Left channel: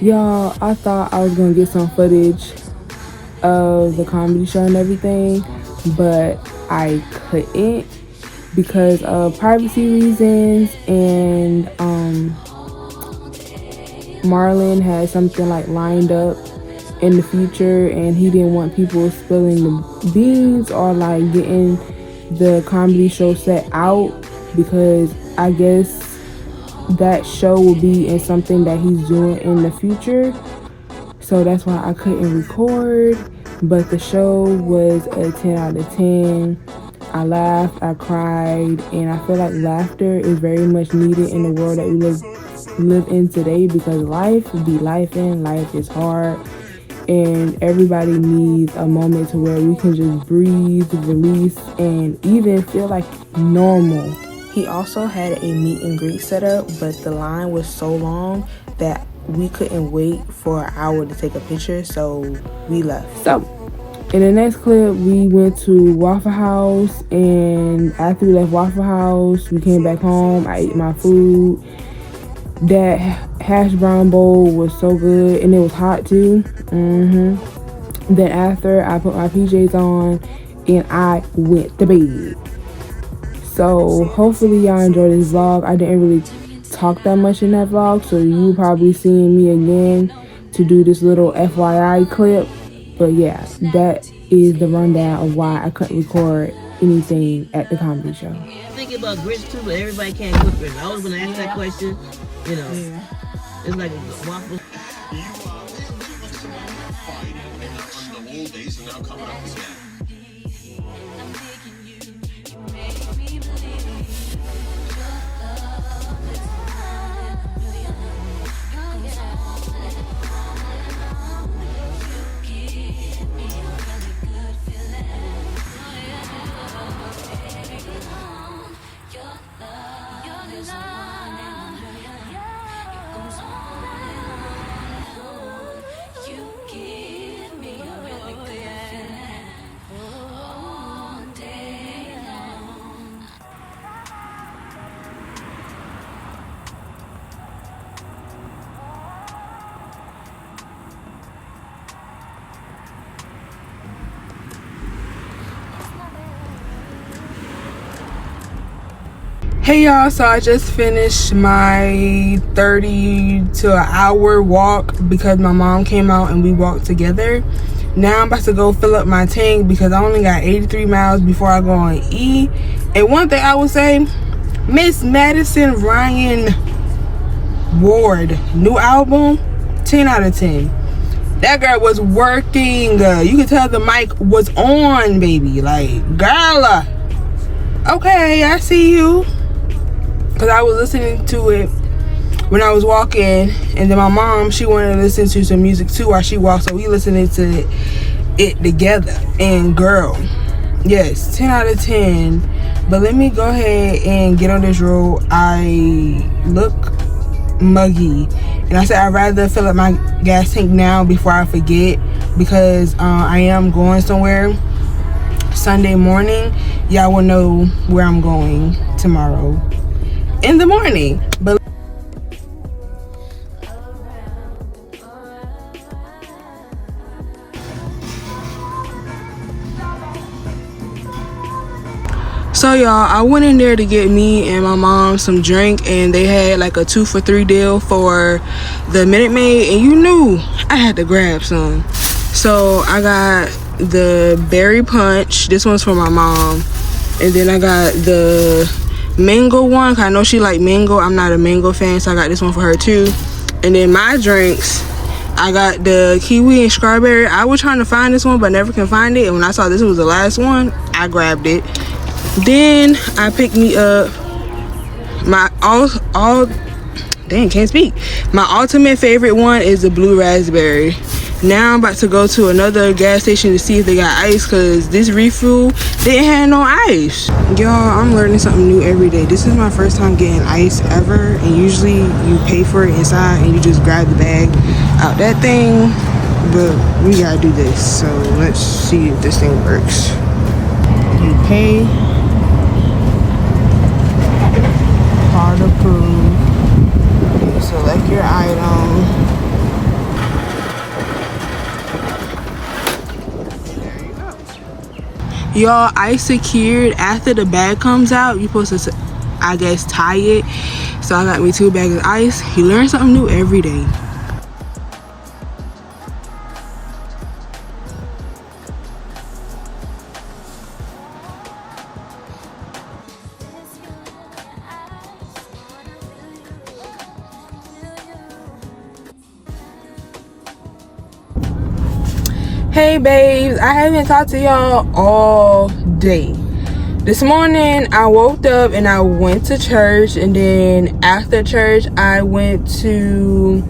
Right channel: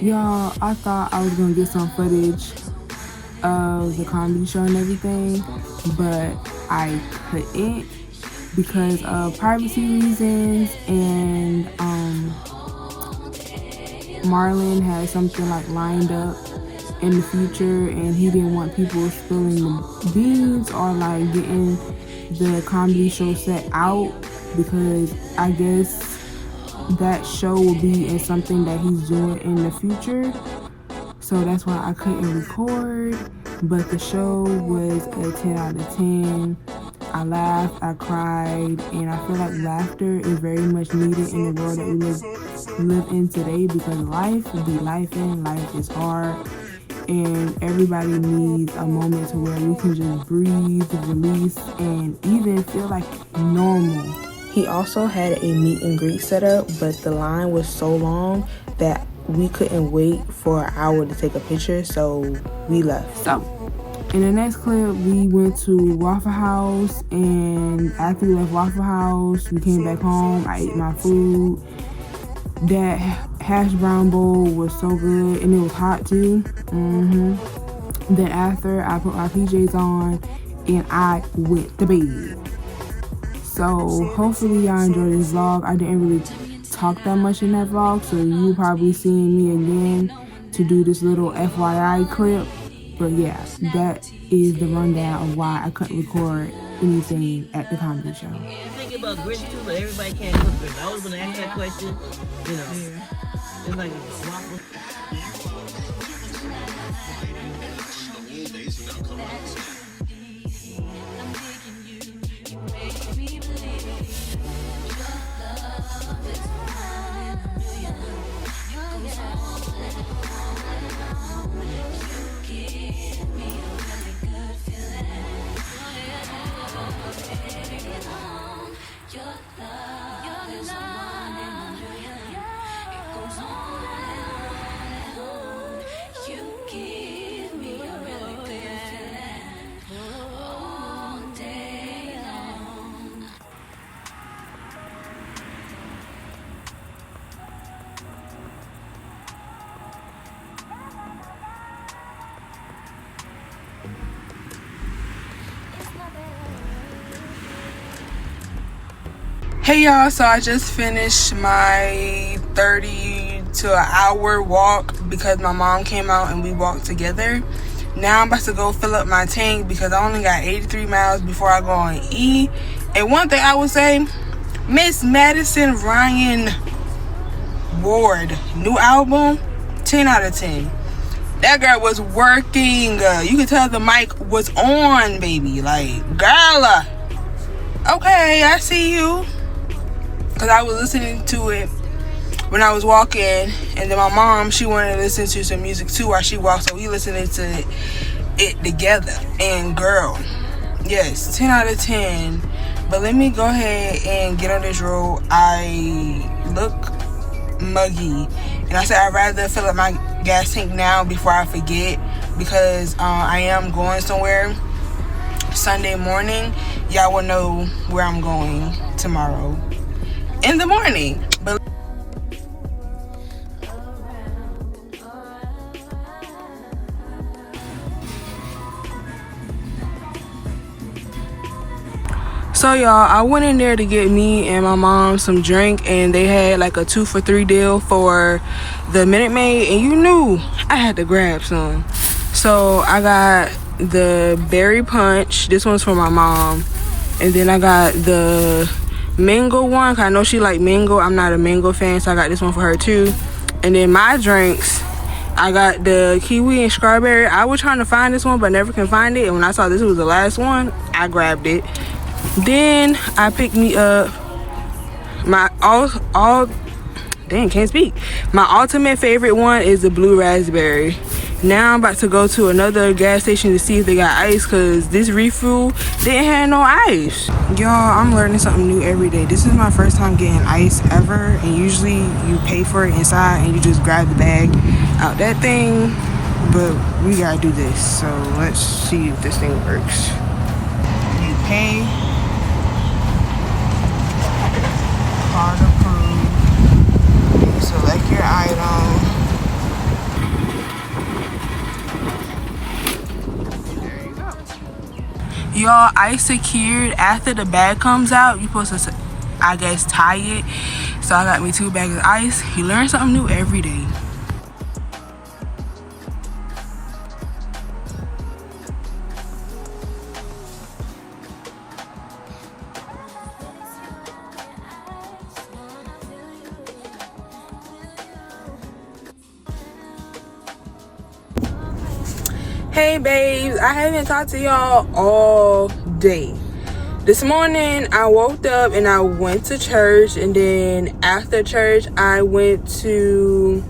Y'all, I thought I was gonna get some footage of the comedy show and everything, but I couldn't because of privacy reasons, and Marlon had something like lined up in the future, and he didn't want people spilling the beans or like getting the comedy show set out, because I guess that show will be in something that he's doing in the future. So that's why I couldn't record. But the show was a 10 out of 10. I laughed, I cried, and I feel like laughter is very much needed in the world that we live in today, because life be life, and life is hard, and everybody needs a moment to where we can just breathe, release, and even feel like normal. He also had a meet and greet set up, but the line was so long that we couldn't wait for an hour to take a picture, so we left. So in the next clip, we went to Waffle House, and after we left Waffle House, we came back home. I ate my food. That hash brown bowl was so good, and it was hot too. Then after, I put my PJs on, and I went to bed. So hopefully y'all enjoyed this vlog. I didn't really talk that much in that vlog, so you probably seeing me again to do this little FYI clip. But yeah, that is the rundown of why I couldn't record anything at the comedy show. Yeah, I'm thinking about grits too, but everybody can't cook grits. I was gonna ask that question, you know. It's like a waffle. Hey y'all, so I just finished my 30 to an hour walk because my mom came out and we walked together. Now I'm about to go fill up my tank because I only got 83 miles before I go on E. And one thing I would say, Miss Madison Ryan Ward, new album, 10 out of 10. That girl was working. You could tell the mic was on, baby. Like, girl, okay, I see you. Because I was listening to it when I was walking, and then my mom, she wanted to listen to some music too while she walked, so we listened to it together. And girl, yes, 10 out of 10. But let me go ahead and get on this road. I look muggy, and I said I'd rather fill up my gas tank now before I forget, because I am going somewhere Sunday morning. Y'all will know where I'm going tomorrow in the morning. But so y'all, I went in there to get me and my mom some drink, and they had like a 2 for $3 deal for the Minute Maid, and you knew I had to grab some. So I got the berry punch. This one's for my mom, and then I got the mango one, 'cause I know she like mango. I'm not a mango fan, so I got this one for her too. And then my drinks, I got the kiwi and strawberry. I was trying to find this one but never can find it, and when I saw this was the last one, I grabbed it. Then I picked me up my my ultimate favorite one is the blue raspberry. Now I'm about to go to another gas station to see if they got ice, because this refuel didn't have no ice. Y'all, I'm learning something new every day. This is my first time getting ice ever, and usually you pay for it inside and you just grab the bag out that thing, but we gotta do this. So let's see if this thing works. You pay, card approved, select your item, Y'all, I secured after the bag comes out. You're supposed to, I guess, tie it. So I got me 2 bags of ice. You learn something new every day. Hey babes, I haven't talked to y'all all day. This morning I woke up and I went to church, and then after church I went to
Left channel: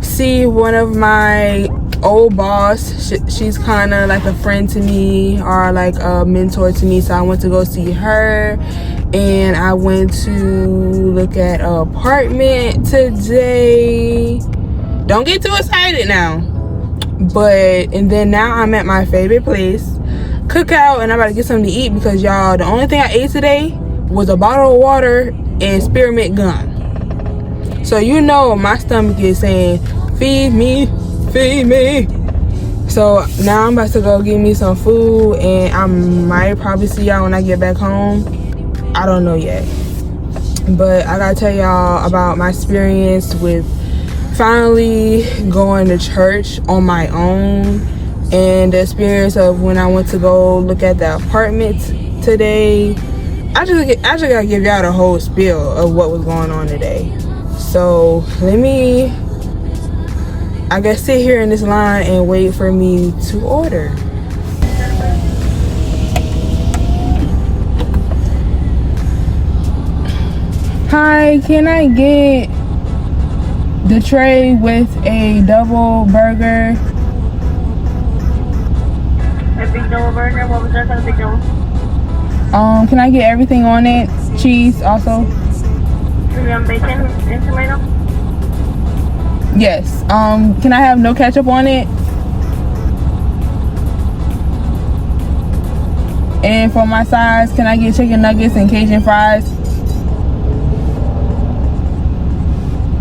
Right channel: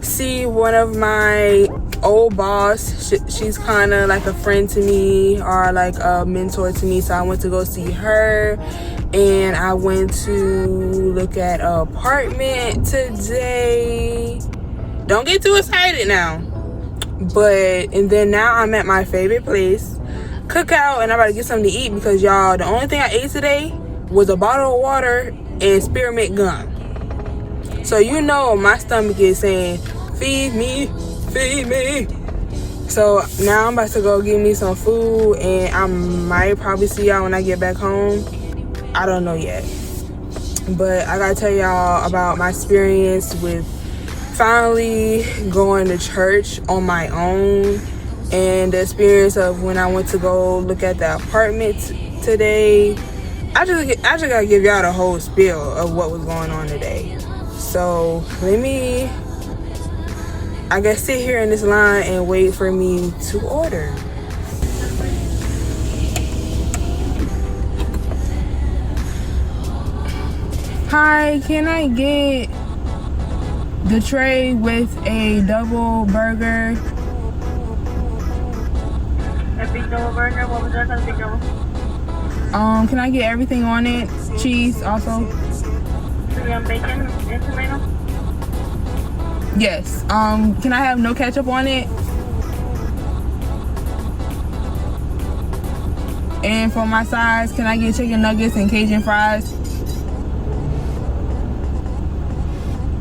see one of my old boss. She's kind of like a friend to me, or like a mentor to me, so I went to go see her. And I went to look at an apartment today. Don't get too excited now. And then now I'm at my favorite place, Cookout, and I'm about to get something to eat because y'all, the only thing I ate today was a bottle of water and spearmint gum. So you know my stomach is saying, feed me, feed me. So now I'm about to go get me some food, and I might probably see y'all when I get back home. I don't know yet. But I gotta tell y'all about my experience with finally going to church on my own, and the experience of when I went to go look at the apartment today. I just gotta give y'all the whole spiel of what was going on today. So let me, I guess, sit here in this line and wait for me to order. Hi, can I get the tray with a double burger? A big double burger, what was that for the big double? Can I get everything on it? Cheese also? Bacon and tomato? Yes. Can I have no ketchup on it? And for my sides, can I get chicken nuggets and Cajun fries?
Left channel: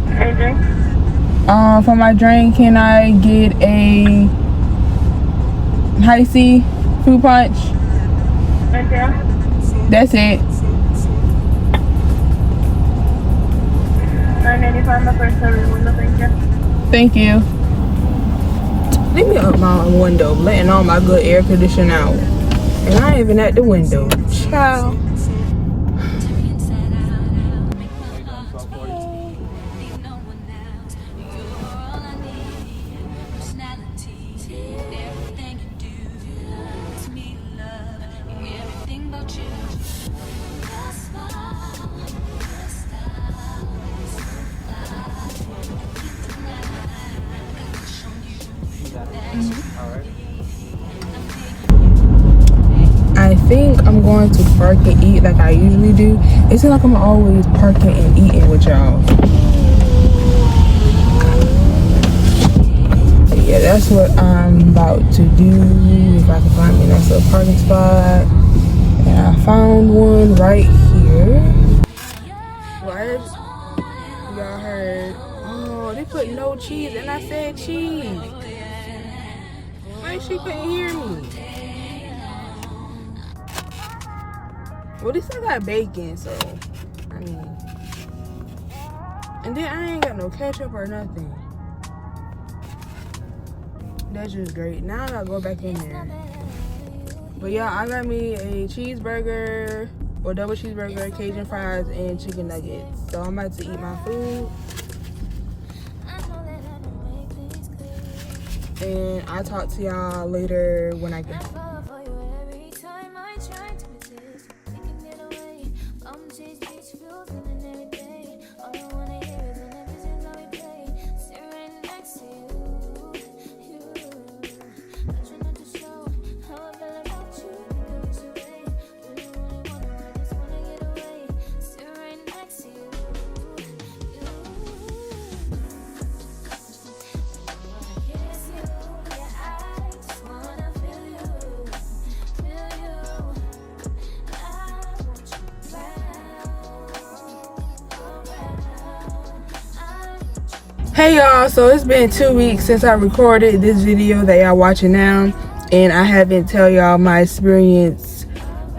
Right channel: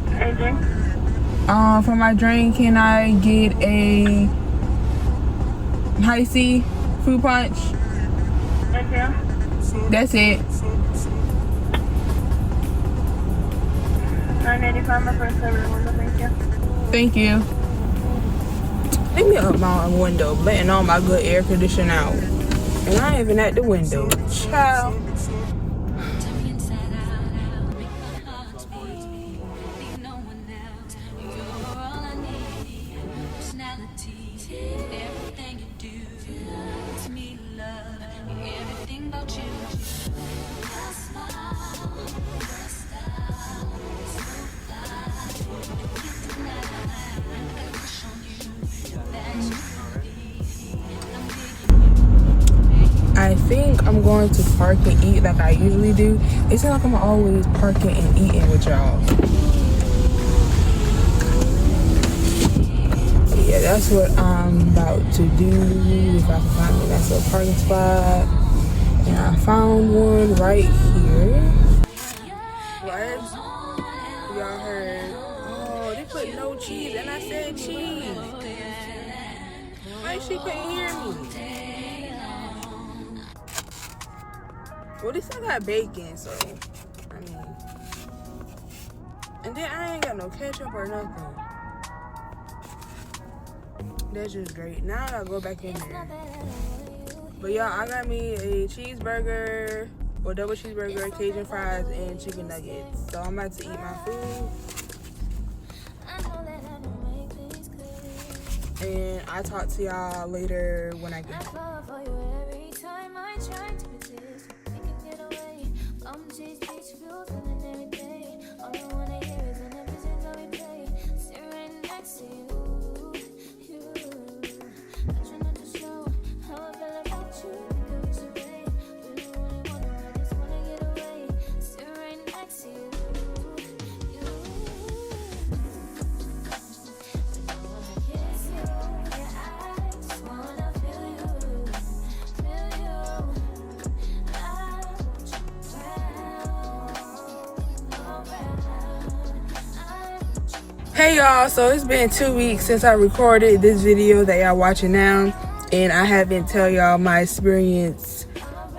And drink? For my drink, can I get a high C fruit punch? Okay. That's it. $9.95 my first service window, thank you. Thank you. Leave me up my window, letting all my good air conditioning out. And I ain't even at the window. Child. I think I'm going to park and eat like I usually do. It seems like I'm always parking and eating with y'all. Yeah, that's what I'm about to do. If I can find a nice little parking spot. And I found one right here. What? Y'all heard? Oh, they put no cheese, and I said cheese. Why she couldn't hear me? Well, this I got bacon, so I mean, and then I ain't got no ketchup or nothing. That's just great. Now I gotta go back in there. But y'all, I got me a cheeseburger, or double cheeseburger, Cajun fries, and chicken nuggets. So I'm about to eat my food. And I'll talk to y'all later when I get home. Hey y'all, so it's been 2 weeks since I recorded this video that y'all watching now, and I haven't tell y'all my experience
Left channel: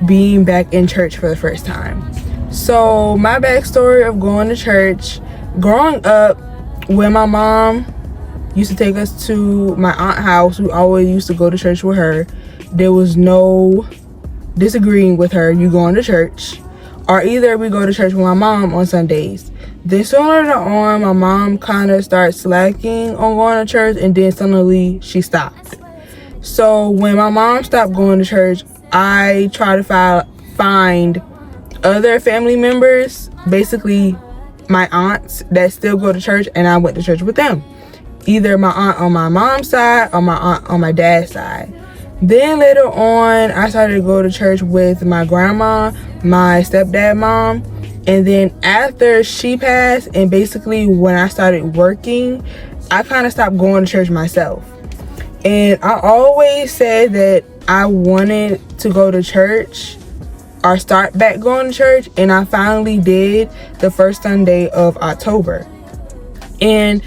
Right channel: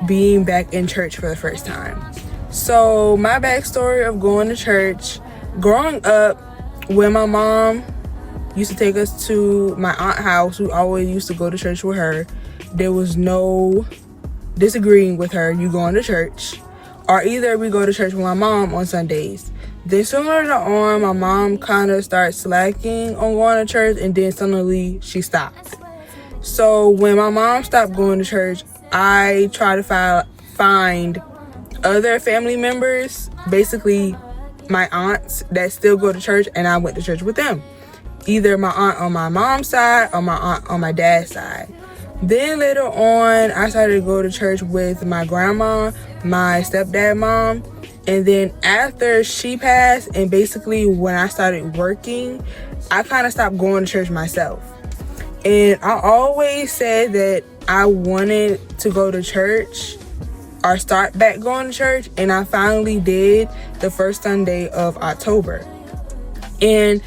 being back in church for the first time. So my backstory of going to church, growing up, when my mom used to take us to my aunt's house, we always used to go to church with her. There was no disagreeing with her. You going to church, or either we go to church with my mom on Sundays. Then sooner on, my mom kind of started slacking on going to church, and then suddenly she stopped. So when my mom stopped going to church, I try to find other family members, basically my aunts, that still go to church, and I went to church with them. Either my aunt on my mom's side or my aunt on my dad's side. Then later on, I started to go to church with my grandma, my stepdad mom, and then after she passed, and basically when I started working, I kind of stopped going to church myself. And I always said that I wanted to go to church or start back going to church, and I finally did the first Sunday of October. And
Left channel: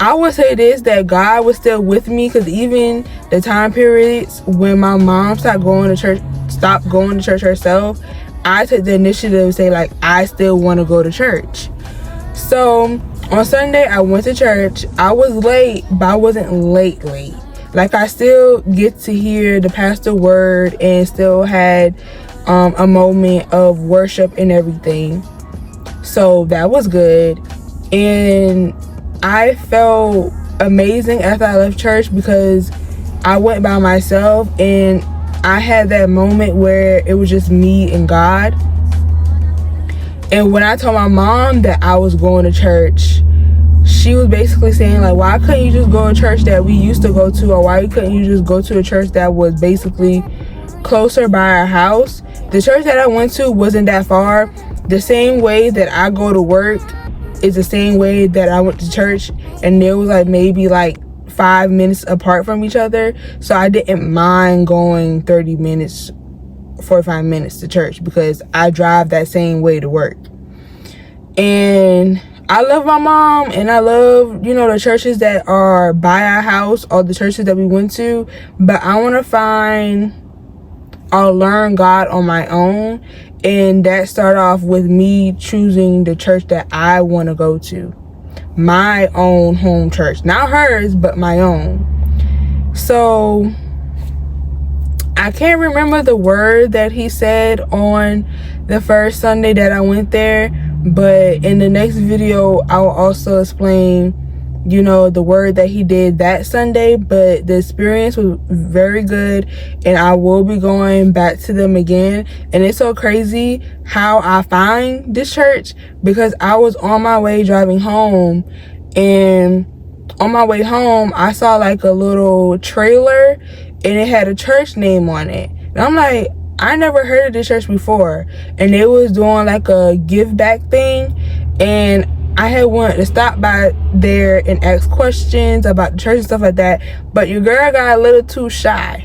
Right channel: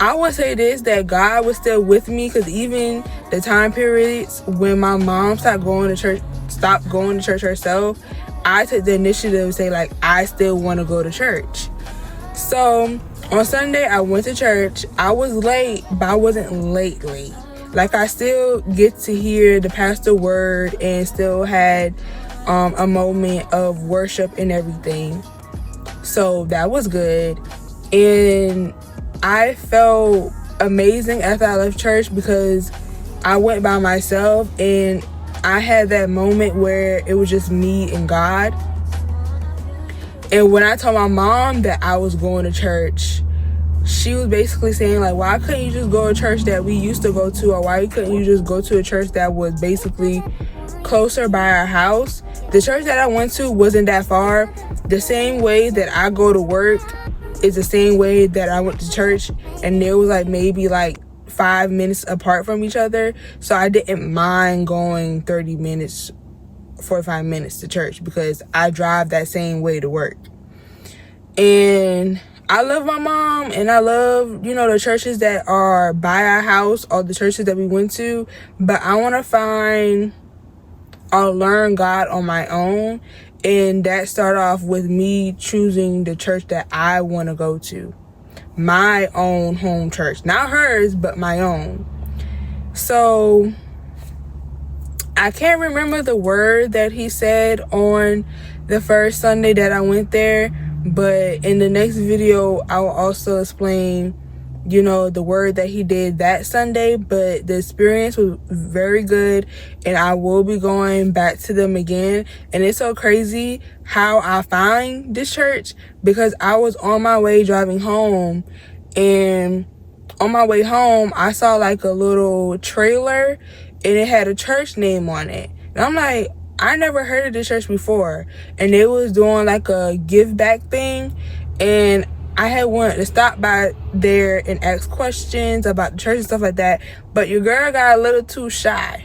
I would say this, that God was still with me, because even the time periods when my mom stopped going to church herself, I took the initiative to say, like, I still want to go to church. So on Sunday, I went to church. I was late, but I wasn't late. Like, I still get to hear the pastor word and still had a moment of worship and everything. So that was good. And I felt amazing after I left church, because I went by myself and I had that moment where it was just me and God. And when I told my mom that I was going to church, she was basically saying, like, why couldn't you just go to church that we used to go to, or why couldn't you just go to a church that was basically closer by our house? The church that I went to wasn't that far. The same way that I go to work is the same way that I went to church, and there was like maybe like 5 minutes apart from each other. So I didn't mind going 30 minutes, 45 minutes to church, because I drive that same way to work. And I love my mom, and I love, you know, the churches that are by our house or the churches that we went to, but I want to find or learn God on my own. And that started off with me choosing the church that I want to go to. My own home church. Not hers, but my own. So I can't remember the word that he said on the first Sunday that I went there, but in the next video I will also explain, you know, the word that he did that Sunday. But the experience was very good, and I will be going back to them again. And it's so crazy how I find this church, because I was on my way driving home, and on my way home I saw like a little trailer, and it had a church name on it. And I'm like, I never heard of this church before. And they was doing like a give back thing, and I had wanted to stop by there and ask questions about the church and stuff like that, but your girl got a little too shy.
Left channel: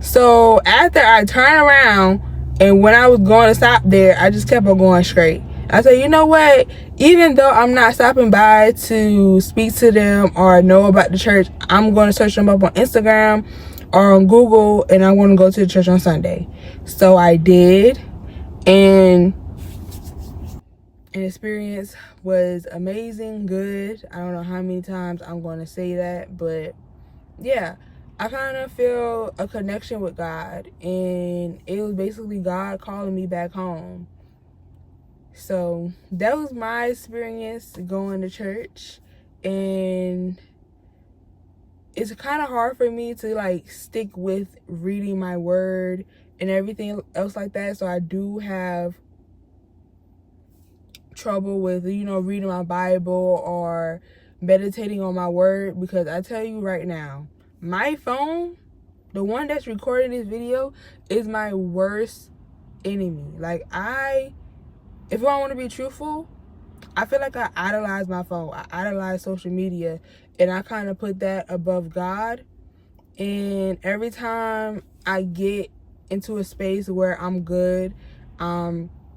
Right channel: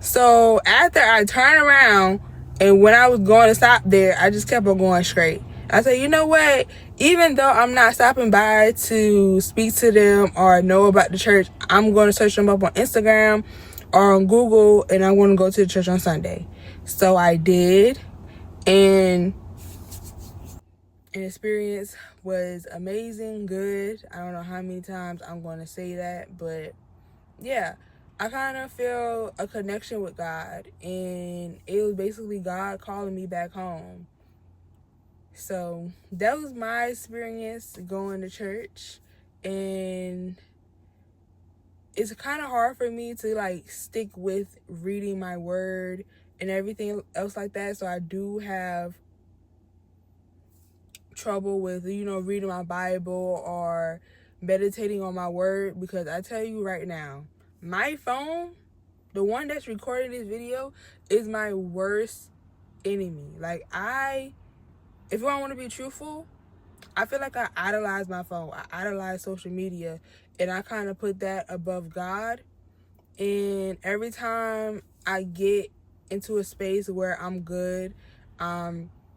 So after I turned around, and when I was going to stop there, I just kept on going straight. I said, you know what? Even though I'm not stopping by to speak to them or know about the church, I'm going to search them up on Instagram or on Google, and I want to go to the church on Sunday. So I did, and the experience was amazing, good. I don't know how many times I'm going to say that, but yeah, I kind of feel a connection with God, and it was basically God calling me back home. So that was my experience going to church, and it's kind of hard for me to like stick with reading my word and everything else like that. So I do have trouble with, you know, reading my Bible or meditating on my word, because I tell you right now, my phone, the one that's recording this video, is my worst enemy. Like, if I want to be truthful, I feel like I idolize my phone. I idolize social media, and I kind of put that above God. And every time I get into a space where I'm good,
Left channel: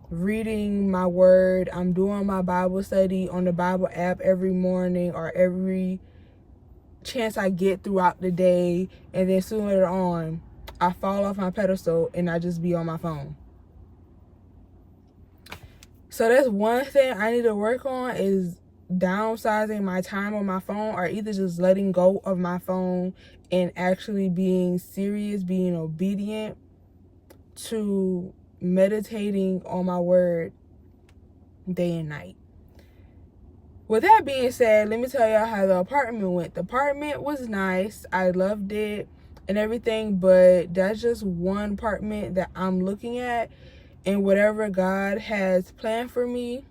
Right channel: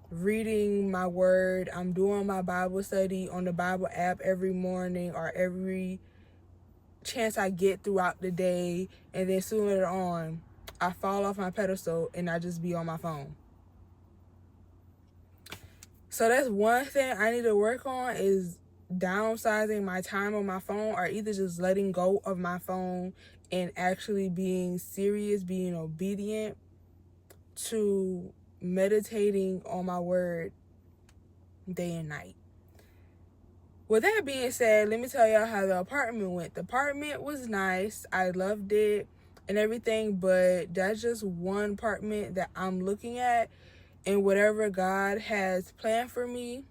reading my word, I'm doing my Bible study on the Bible app every morning or every chance I get throughout the day, and then sooner on I fall off my pedestal and I just be on my phone. So that's one thing I need to work on, is downsizing my time on my phone, or either just letting go of my phone and actually being serious, being obedient to meditating on my word day and night. With that being said, let me tell y'all how the apartment went. The apartment was nice. I loved it and everything, but that's just one apartment that I'm looking at, and whatever God has planned for me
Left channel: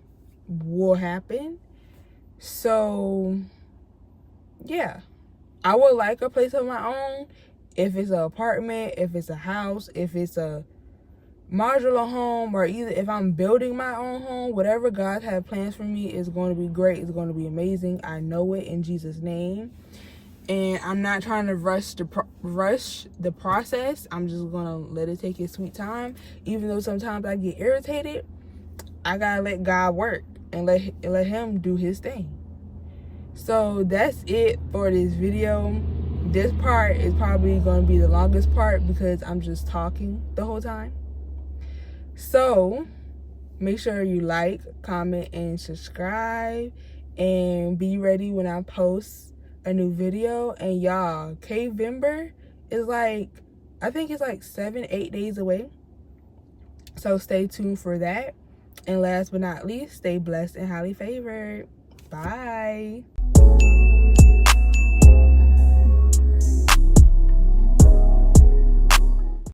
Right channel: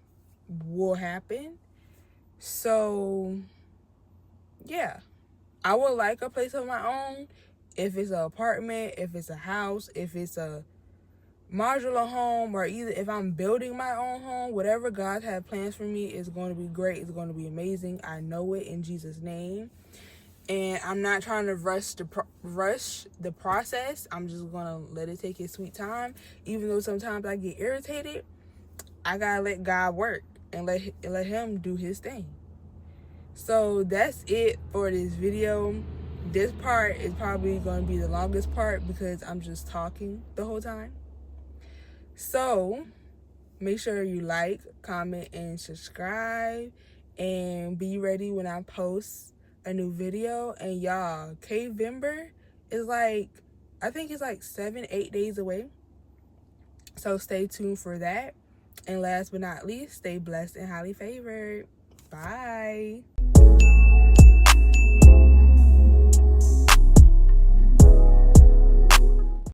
will happen. So yeah, I would like a place of my own. If it's an apartment, if it's a house, if it's a modular home, or either if I'm building my own home, whatever God had plans for me is going to be great. It's going to be amazing. I know it in Jesus' name. And I'm not trying to rush the process. I'm just gonna let it take its sweet time. Even though sometimes I get irritated, I gotta let God work and let him do his thing. So that's it for this video. This part is probably gonna be the longest part because I'm just talking the whole time. So make sure you like, comment, and subscribe, and be ready when I post a new video. And y'all, K-Vember is like, I think it's like 7-8 days away, so stay tuned for that. And last but not least, stay blessed and highly favored. Bye.